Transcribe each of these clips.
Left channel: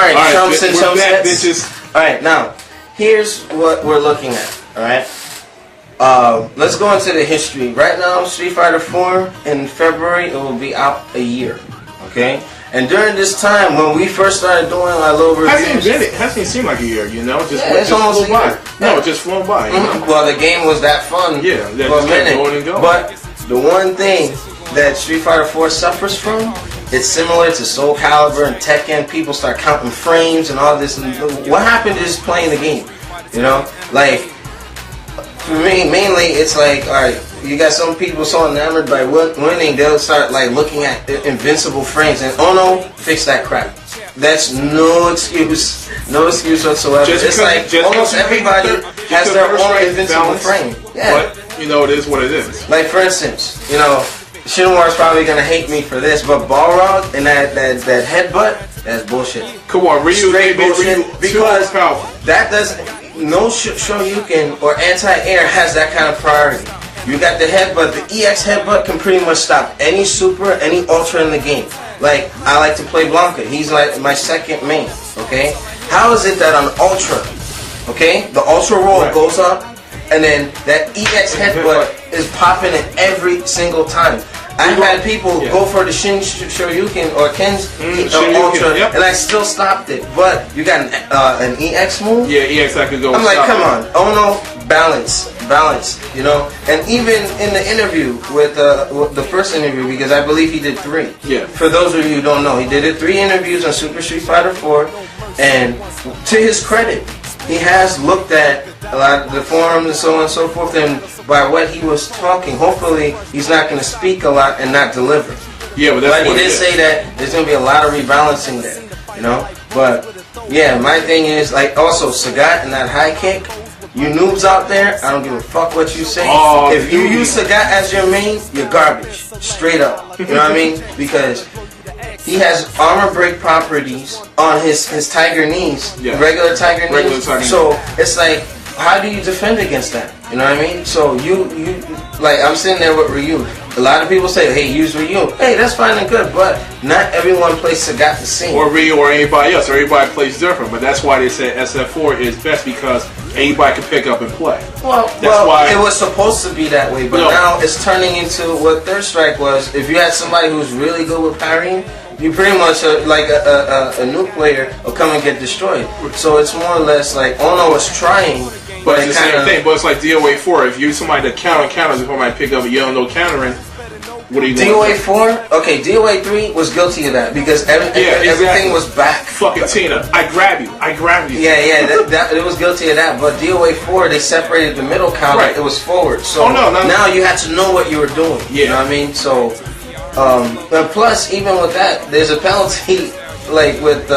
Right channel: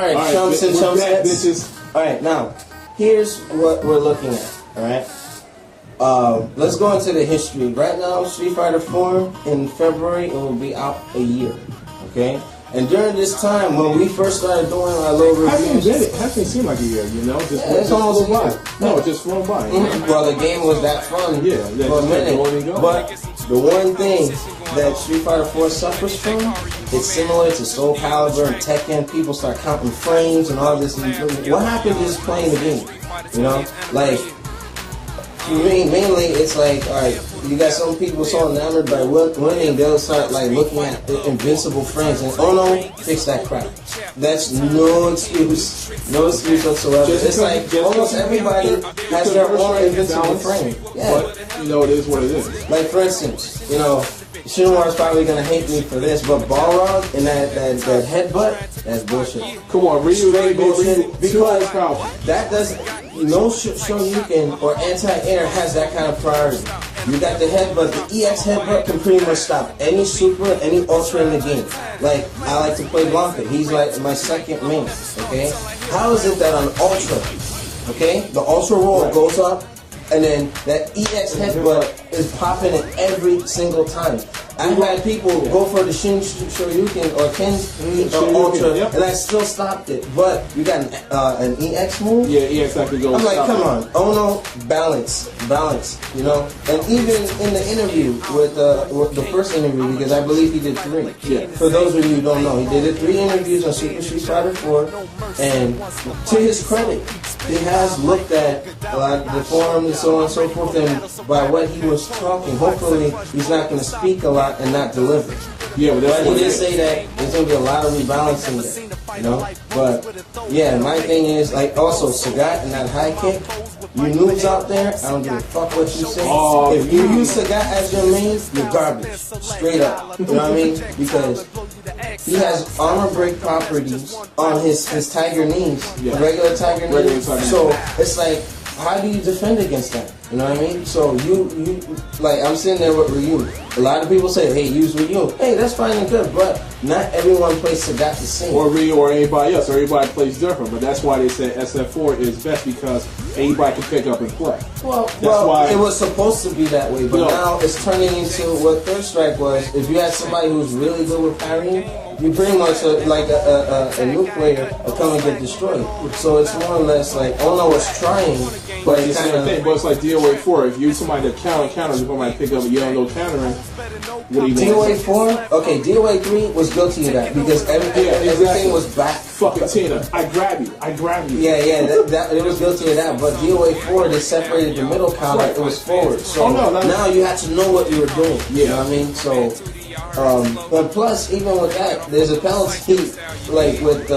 Alright, chumps and chump sets. Bitches. Alright, now, here's what we're looking at. Alright? Let's go into the history. Right now, Street Fighter 4 in February, it will be out a year. Okay? And during this time, when we first started doing our little reviews... Hasn't seemed like a year, you know? It's almost a year. No, it just flown by. You know? Well, the game was that fun for a minute. But the one thing that Street Fighter 4 suffers from, it's similar to Soul Calibur and Tekken. People start counting frames and all this. What happened is playing the game. You know? Like, for me, mainly, it's like, alright, you got some people so enamored by winning, they'll start like looking at invincible frames, and Ono fix that crap. That's no excuse whatsoever. It's like almost everybody has their own invincible frame. Yeah. But, you know, it is what it is. Like, for instance, you know, Shinwar's probably gonna hate me for this, but Balrog and that headbutt, that's bullshit. Come on, Ryu, straight bullshit, because powerful. That doesn't. No Shoryuken or anti-air has that kind of priority. You got the headbutt. The EX headbutt can pretty much stop any super, any ultra in the game. Like, I like to play Blanca. He's like my second main, okay? How is it that on ultra, okay, the ultra roll goes up, and then that EX headbutt is popping it every single time? I've had people go for the Shin Shoryuken or Ken's Ultra, and I still stopped it. But you got an EX move? Yeah, EX I could go. I'm like, come on. Ono, balance, you know? And even in the interview with the first interview, because I believe he did 3. Yeah. For those of you who don't know, he did 3 interviews on Super Street Fighter 4, and to his credit, he has looked at a lot of the forums and so on and so forth, and by what he was talking, hopefully he's not going to speak a lot and not deliver. Yeah, but he did say that there's going to be a lot of rebalancing there, you know? But, yeah, my thing is, like, also, Sagat and that high kick, you noobs out there, I don't give a fuck what you say. If you use Sagat as your main, you're garbage. Straight up. You know what I mean? Because he has armor break properties on his Tiger knees, regular Tiger knees. So it's like, how do you defend against that? You know what I mean? So you like, I'm sitting there with Ryu. A lot of people say, hey, use Ryu. Hey, that's fine and good, but not everyone plays Sagat the same. Or Ryu or anybody else. Everybody plays different, but that's why they say SF4 is best, because anybody can pick up and play. Well, it was supposed to be that way, but now it's turning into what Third Strike was. If you had somebody who's really good with parrying, you pretty much like a new player will come and get destroyed. So it's more or less like Ono was trying, but it's the same thing. But it's like DOA 4. If you somebody that counters, if somebody pick up and you don't know countering, what are you doing? DOA 4, okay, DOA 3 was guilty of that because everything was back. Fucking Tina, I grab you. Yeah, it was guilty of that. But DOA 4, they separated the middle counter. It was forward. So now you had to know what you were doing. You know what I mean? So. But plus, even with that, there's a penalty. Like with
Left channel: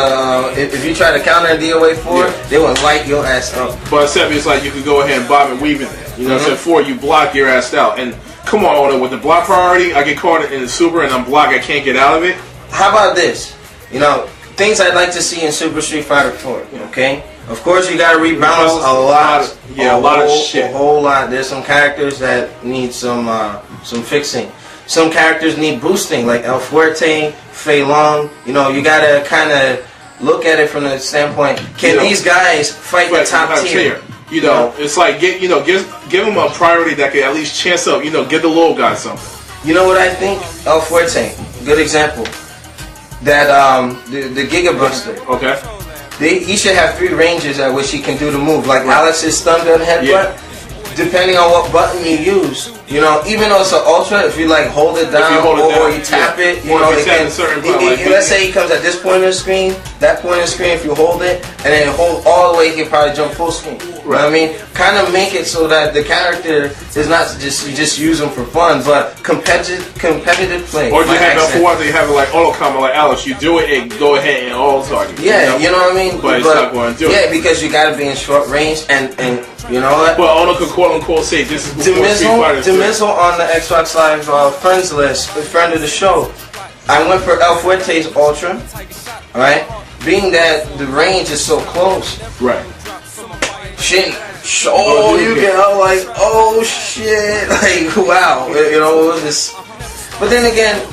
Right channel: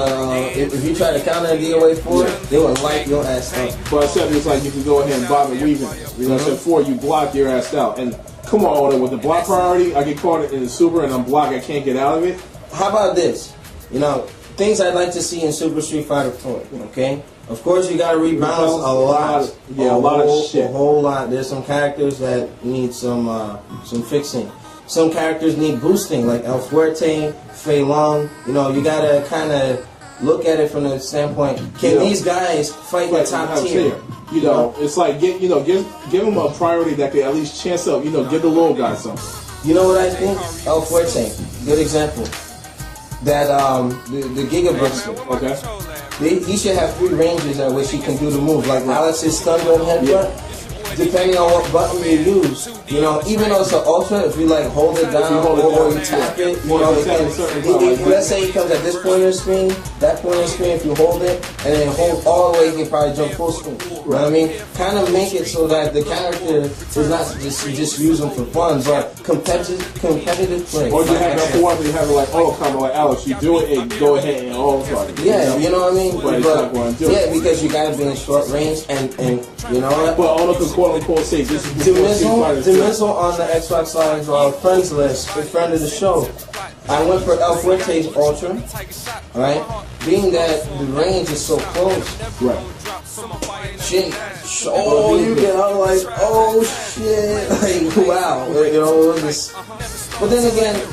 if you try to counter DOA 4, they will light your ass up. But except it's like you could go ahead and bob and weave in that. You know, so 4 you block your ass out. And come on, Oda, with the block priority, I get caught in the super and I'm blocked. I can't get out of it. How about this? You know, things I'd like to see in Super Street Fighter 4. Okay. Of course, you gotta rebalance a lot. A lot of shit. A whole lot. There's some characters that need some fixing. Some characters need boosting, like El Fuerte, Fei Long. You know, you gotta kind of look at it from the standpoint: can these guys fight the top tier? You know, it's like give them a priority that could at least chance up. You know, give the little guy something. You know what I think? El Fuerte, good example. That the Giga Buster. Okay. He should have 3 ranges at which he can do the move, like Alex's stun gun headbutt. Depending on what button you use, you know, even though it's an ultra, if you like hold it down or you tap it, you know, it can. Let's say he comes at this point of the screen, that point of the screen. If you hold it and then hold all the way, he can probably jump full screen. You know what I mean? Kind of make it so that the character is not just use them for fun, but competitive play. Or you have it for you have it like auto combo, like Alex. You do it and go ahead and auto target. Yeah, you know what I mean. But it's not going to do it. Yeah, because you got to be in short range, and you know what? Well, auto can quote unquote say this is Demizzle on the Xbox Live friends list, a friend of the show. I went for El Fuerte's Ultra, alright? Being that the range is so close. Right. Shit. Oh, you get out like, oh shit. Like, wow. You know, it was this. But then again,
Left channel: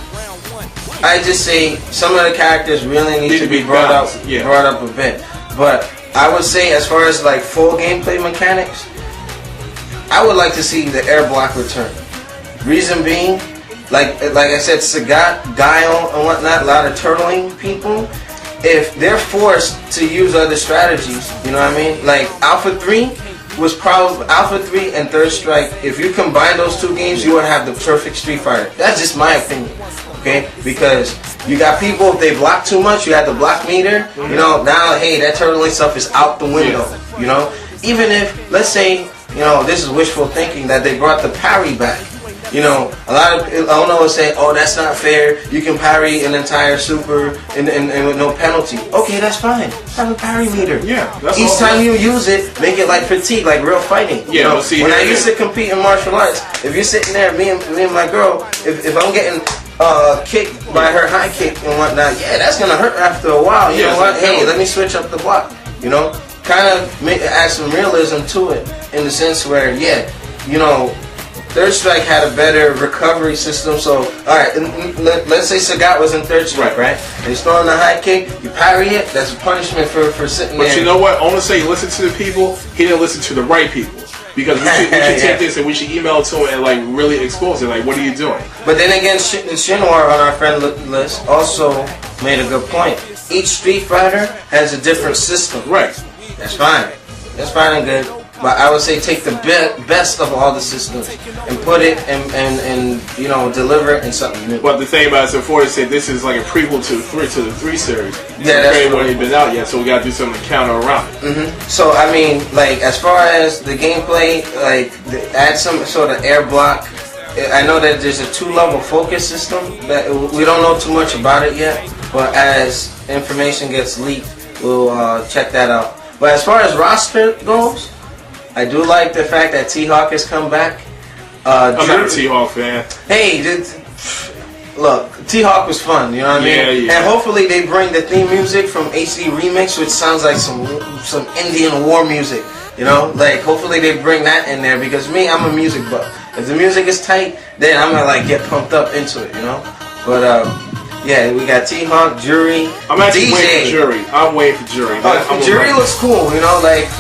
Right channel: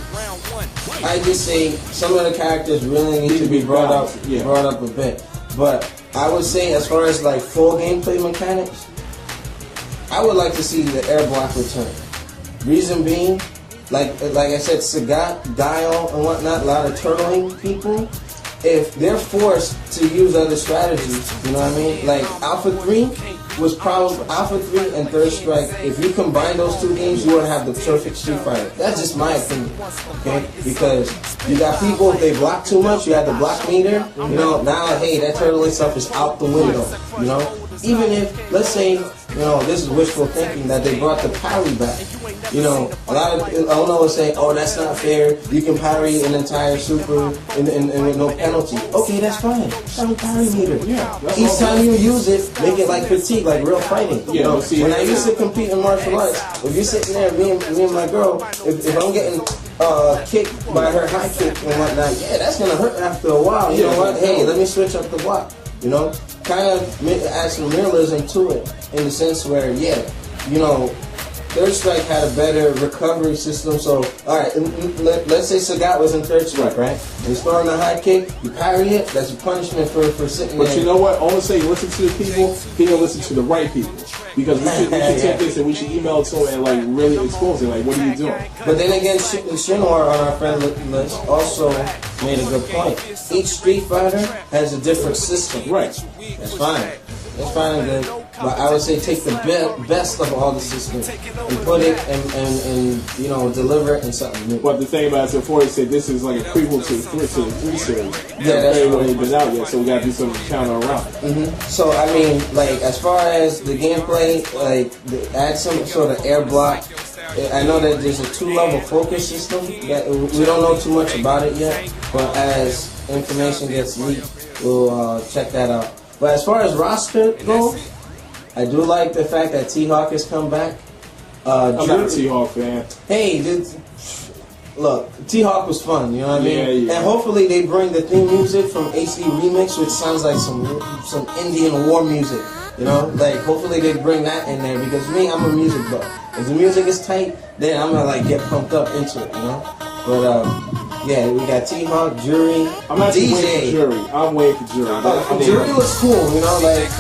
I just say some of the characters really need to be brought up a bit. But I would say, as far as like full gameplay mechanics, I would like to see the air block return. Reason being, like I said, Sagat, Guile, and whatnot, a lot of turtling people, if they're forced to use other strategies, you know what I mean? Like Alpha 3 was probably Alpha 3 and Third Strike. If you combine those two games, you would have the perfect Street Fighter. That's just my opinion, okay? Because you got people, if they block too much, you have the block meter. You know, now hey, that turtling stuff is out the window. You know, even if, let's say, you know, this is wishful thinking that they brought the parry back. You know, a lot of I don't know, say, oh, that's not fair. You can parry an entire super and with no penalty. Okay, that's fine. Have a parry meter. Yeah. Each time you use it, make it like fatigue, like real fighting. Yeah. You know, See, when I used to compete in martial arts, if you're sitting there, me and my girl, if I'm getting kicked by her high kick and whatnot, yeah, that's gonna hurt after a while. You know what? Hey, let me switch up the block. You know, kind of add some realism to it in the sense where, yeah, you know. Third Strike had a better recovery system, so alright, let's say Sagat was in Third Strike, right? And he's throwing a high kick, you parry it, that's a punishment for sitting there. But you know what? I want to say, listen to the people, he didn't listen to the right people. Because we should take this and we should email it to him and like really expose it, like what are you doing? But then again, Shinwar on our friend list also made a good point. Each Street Fighter has a different system. Right. That's fine. That's fine and good. But I would say take the best of all the systems and put it and you know, deliver it in something new. But the thing about it, so Ford said this is like a prequel to the three series. Yeah, that's true. It ain't been out yet, so we gotta do something to counter around it. So I mean, like as far as the gameplay, like add some sort of air block. I know that there's a 2-level focus system that we don't know too much about it yet, but as information gets leaked, we'll check that out. But as far as roster goes, I do like the fact that T-Hawk has come back. I'm not a T-Hawk fan. Hey, look, T-Hawk was fun, you know what I mean? Yeah. And hopefully they bring the theme music from HD Remix, which sounds like some Indian war music, you know? Like, hopefully they bring that in there, because me, I'm a music buff. If the music is tight, then I'm gonna like get pumped up into it, you know? But yeah, we got T-Hawk, Jury, I'm actually DJ. waiting for Jury. I'm waiting for Jury. Jury looks cool, you know? Like,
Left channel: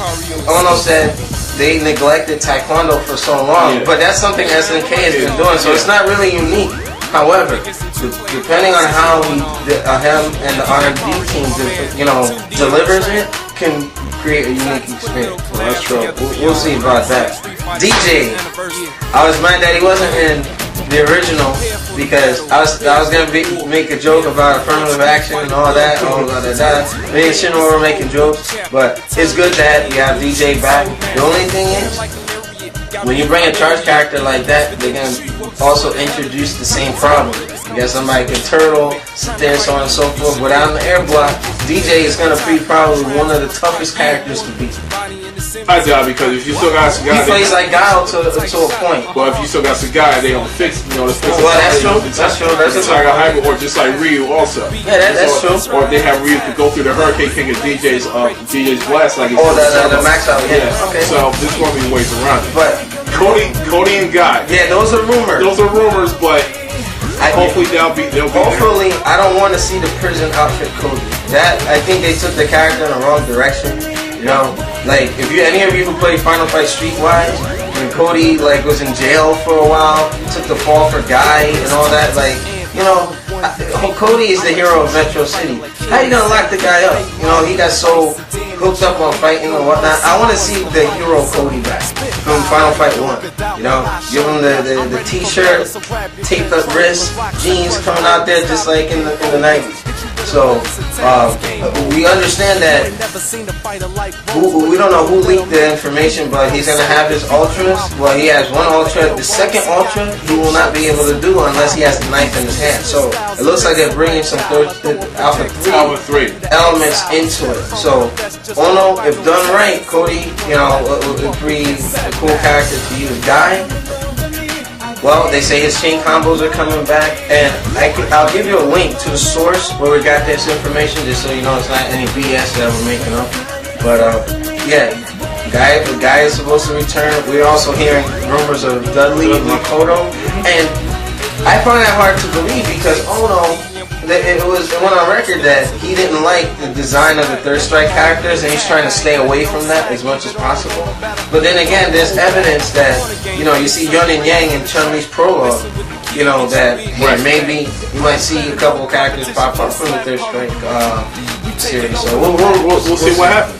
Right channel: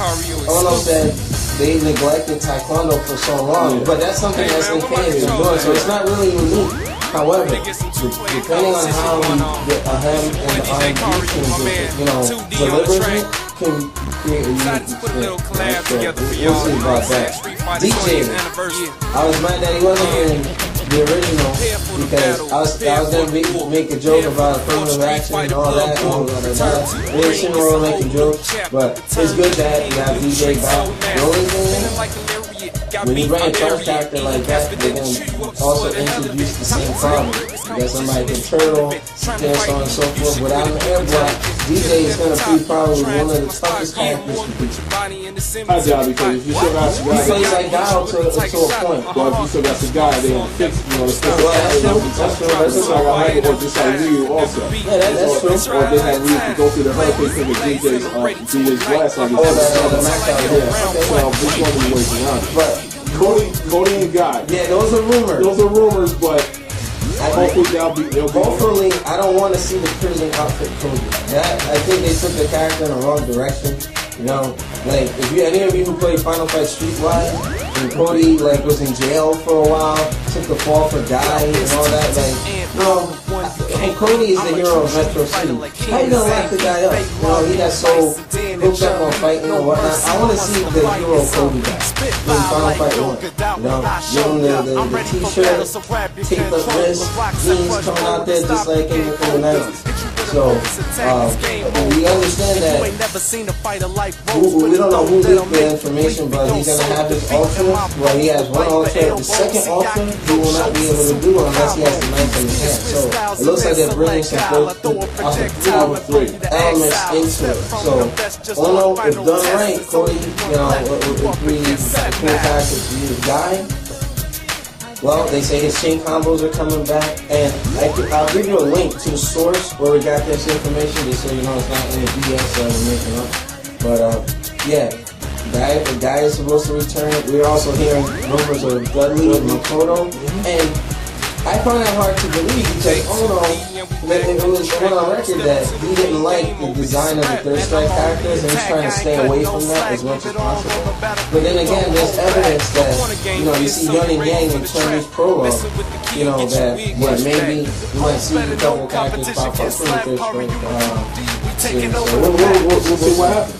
Ono said they neglected Taekwondo for so long, but that's something SNK has been doing, so it's not really unique. However, depending on how him and the R&D team, you know, delivers it, can create a unique experience. That's true. We'll see about that. DJ, I was mad that he wasn't in the original because I was gonna make a joke about affirmative action and all that. Me and Shinra were making jokes, but it's good that you have DJ back. The only thing is, when you bring a charged character like that, they're gonna also introduce the same problem. You got somebody can turtle, sit there, so on and so forth. Without an air block, DJ is gonna be probably one of the toughest characters to beat. I doubt, because if you still got Sagat, he plays like Guile to a point. But if you still got Sagat, they don't fix, you know, the special. Well, that's true. That's true. That's just like a hyper, or just like Ryu also. Yeah, that's true. Or if they have Ryu to go through the Hurricane King and DJ's blast like it's the max out. Yeah. Okay. So this one be ways around it. But Cody and Guy. Yeah, those are rumors. Those are rumors, but hopefully they'll be. Hopefully, I don't want to see the prison outfit Cody. That I think they took the character in the wrong direction. You know, like if any of you who play Final Fight Streetwise, when Cody like was in jail for a while, took the fall for Guy and all that, like, you know, Cody is the hero of Metro City. How you gonna lock the guy up? You know, he got so hooked up on fighting and whatnot. I want to see the hero Cody back from Final Fight 1. You know, give him the t-shirt, taped up wrist, jeans coming out there just like in the 90s. So, we understand that we don't know who leaked the information, but he's going to have his Ultras. Well, he has one Ultra. The second Ultra, he will not be able to do unless he has the knife in his hand. So, it looks like they're bringing some Alpha 3 elements into it. So, Ono, if done right, Cody, you know, would be a cool character to use. Guy, well, they say his chain combos are coming back, and I'll give you a link to the source where we got this information, just so you know it's not any BS that we're making up. But yeah, Guy is supposed to return. We're also hearing rumors of Dudley and Makoto, and I find that hard to believe because Ono, it was went on record that he didn't like the design of the Third Strike characters, and he's trying to stay away from that as much as possible. But then again, there's evidence that you see Yun and Yang in Chun-Li's prologue. That maybe you might see a couple of characters pop up from the Third Strike series. So we'll see what happens.